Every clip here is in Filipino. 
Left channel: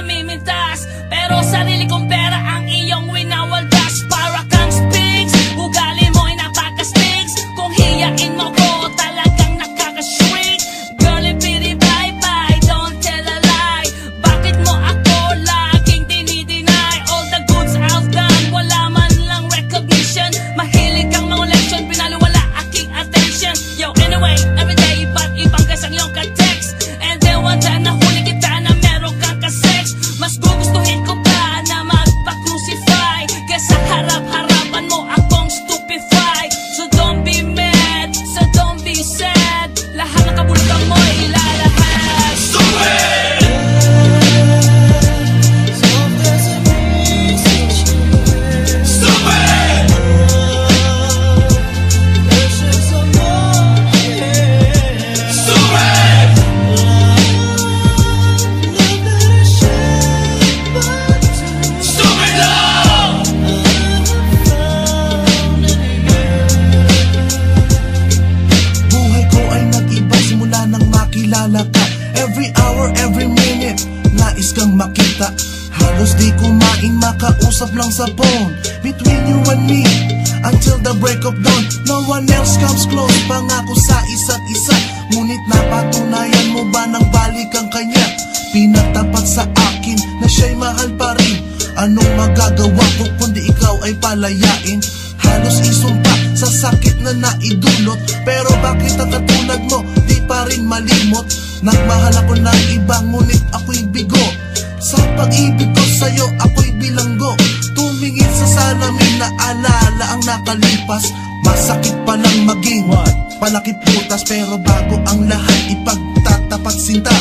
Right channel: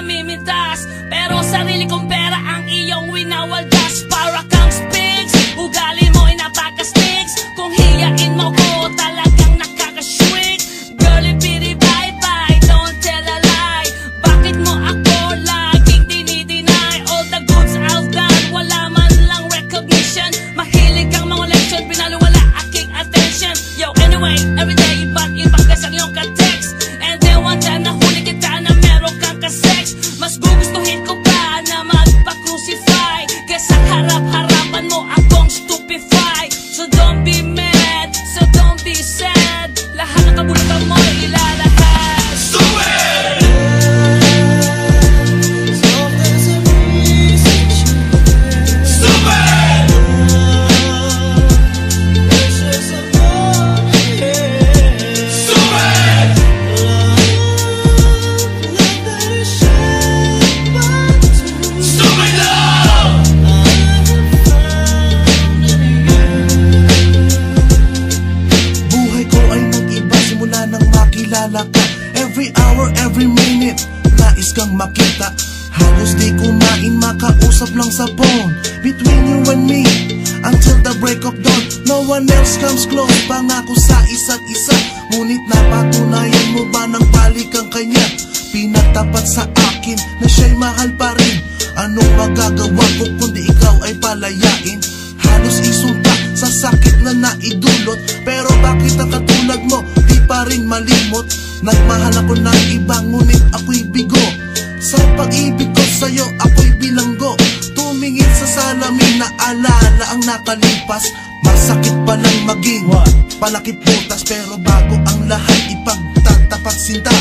pinamimintas, pero sarili kong pera ang iyong winawaldas. Para kang spigs, ugali mo'y napaka-stigs. Kung hiyain mo ko, talagang nakaka-shrink. Girlie, pity, bye-bye, don't tell a lie. Bakit mo ako laging dinideny? All the goods I've done, wala man lang recognition. Mahilig kang mga leksyon, pinaliwala aking attention. Yo, anyway, everyday, ba't ibang gas ang iyong ka-text? And then one time nahuli kita na meron kang ka-sex. Mas gugustuhin ko pa na magpa-crucify kesa harap-harapan mo akong stupefy. So don't be mad, so don't be sad. Lahat ng kabulutan mo ilalahad. Stupid! Stupid! Makilala ka, every hour, every minute nais kang makita. Halos di kumain, makausap lang sa phone. Between you and me, until the break of dawn. No one else comes close, pangako sa isa't isa. Ngunit napatunayan mo ba nang balik ang kanya? Pinatapat sa akin na siya'y mahal pa rin. Anong magagawa ko kundi ikaw ay palayain? Halos isumpa sa sakit na naidulot, pero bakit ang katulad mo di pa rin malimot? Nagmahal ako ng iba ngunit ako'y bigo. Sa pag-ibig ko sa'yo ako'y bilanggo. Tumingin sa salamin na alala ang nakalipas. Masakit palang maging palakip butas, pero bago ang lahat ipagtatapat sinta.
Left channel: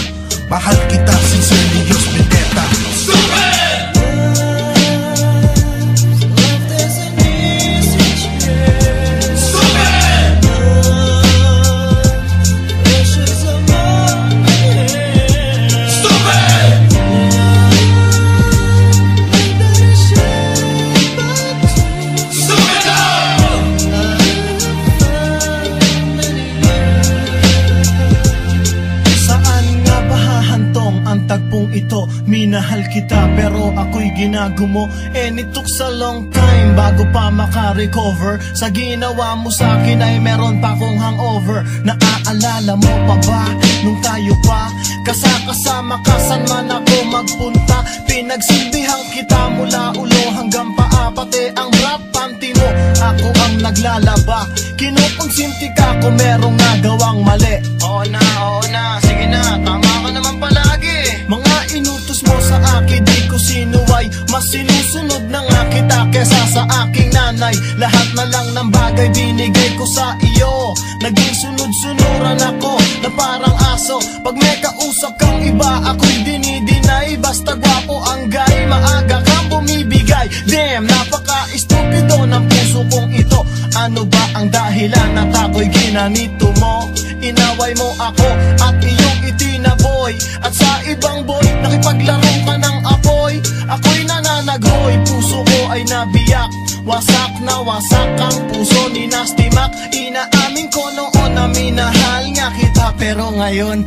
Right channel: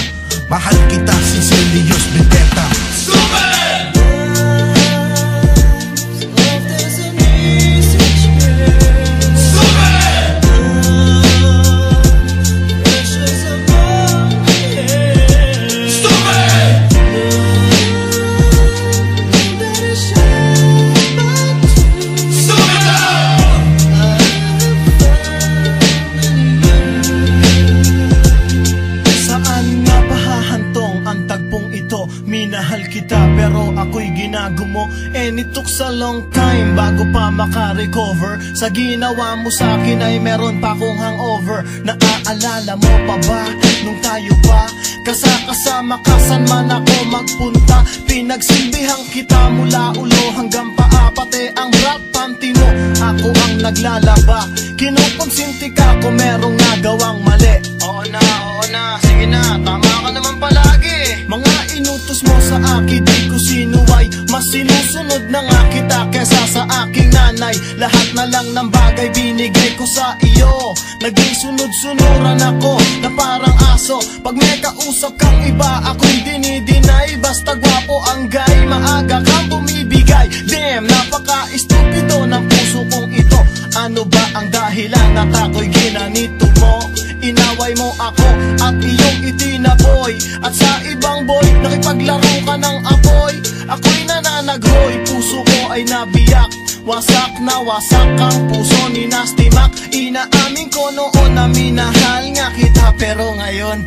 Mahal kita, sincerely yours, Vendetta. Stupid! Minahal kita pero ako'y ginagumo. And it took a long time bago pa makarecover. Sa ginawa mo sa'kin ay meron pa kong hangover. Naaalala mo pa ba nung tayo pa kasama ka saan man ako magpunta? Pinagsilbihan kita mula ulo hanggang paa, pati ang rap panty mo ako ang naglalaba. Kinukonsinti ka kung merong nagawang mali. Oo na, sige na, tama ka naman palagi. Mga inutos mo sa akin di ko sinuway, mas sinusunod na nga kita kesa sa aking nanay. Lahat na lang ng bagay binigay ko sa iyo. Naging sunod-sunuran ako na parang aso. Pag may kausap kang iba ako'y dinidinay. Basta gwapo ang guy, maaga kang bumibigay. Damn, napaka-estupido ng puso kong ito. Ano ba ang dahilan at ako'y ginanito mo? Inaway mo ako at iyong itinaboy. At sa ibang boy, nakipaglaro ka ng apoy. Ako'y nananaghoy, puso ko ay nabiyak. Wasak na wasak ang puso ni Nasty Mac. Inaamin ko noon na minahal nga kita, pero ngayon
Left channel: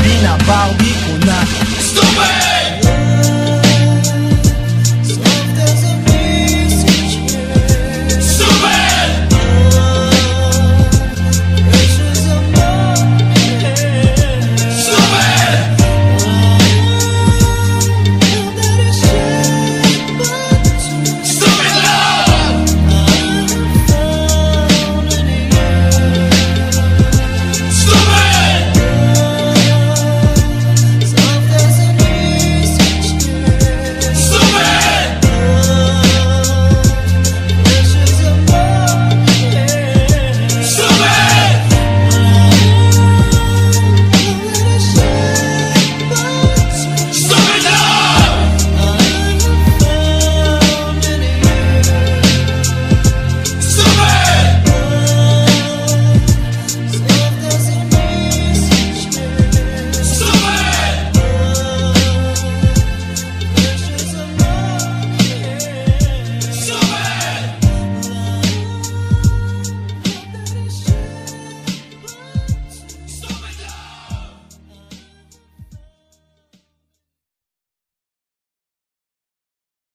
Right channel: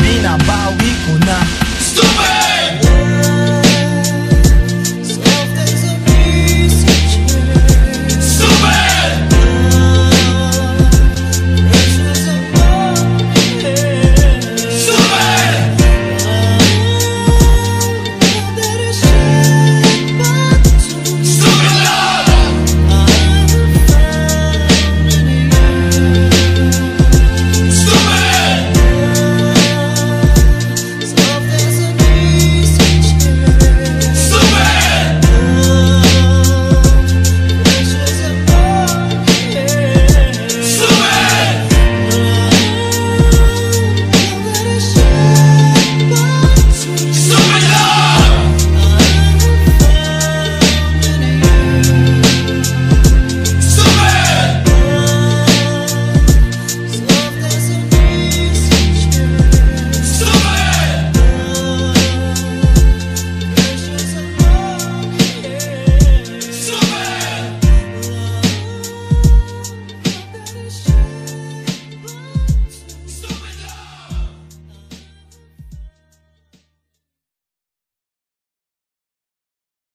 binabawi ko na. Stupid!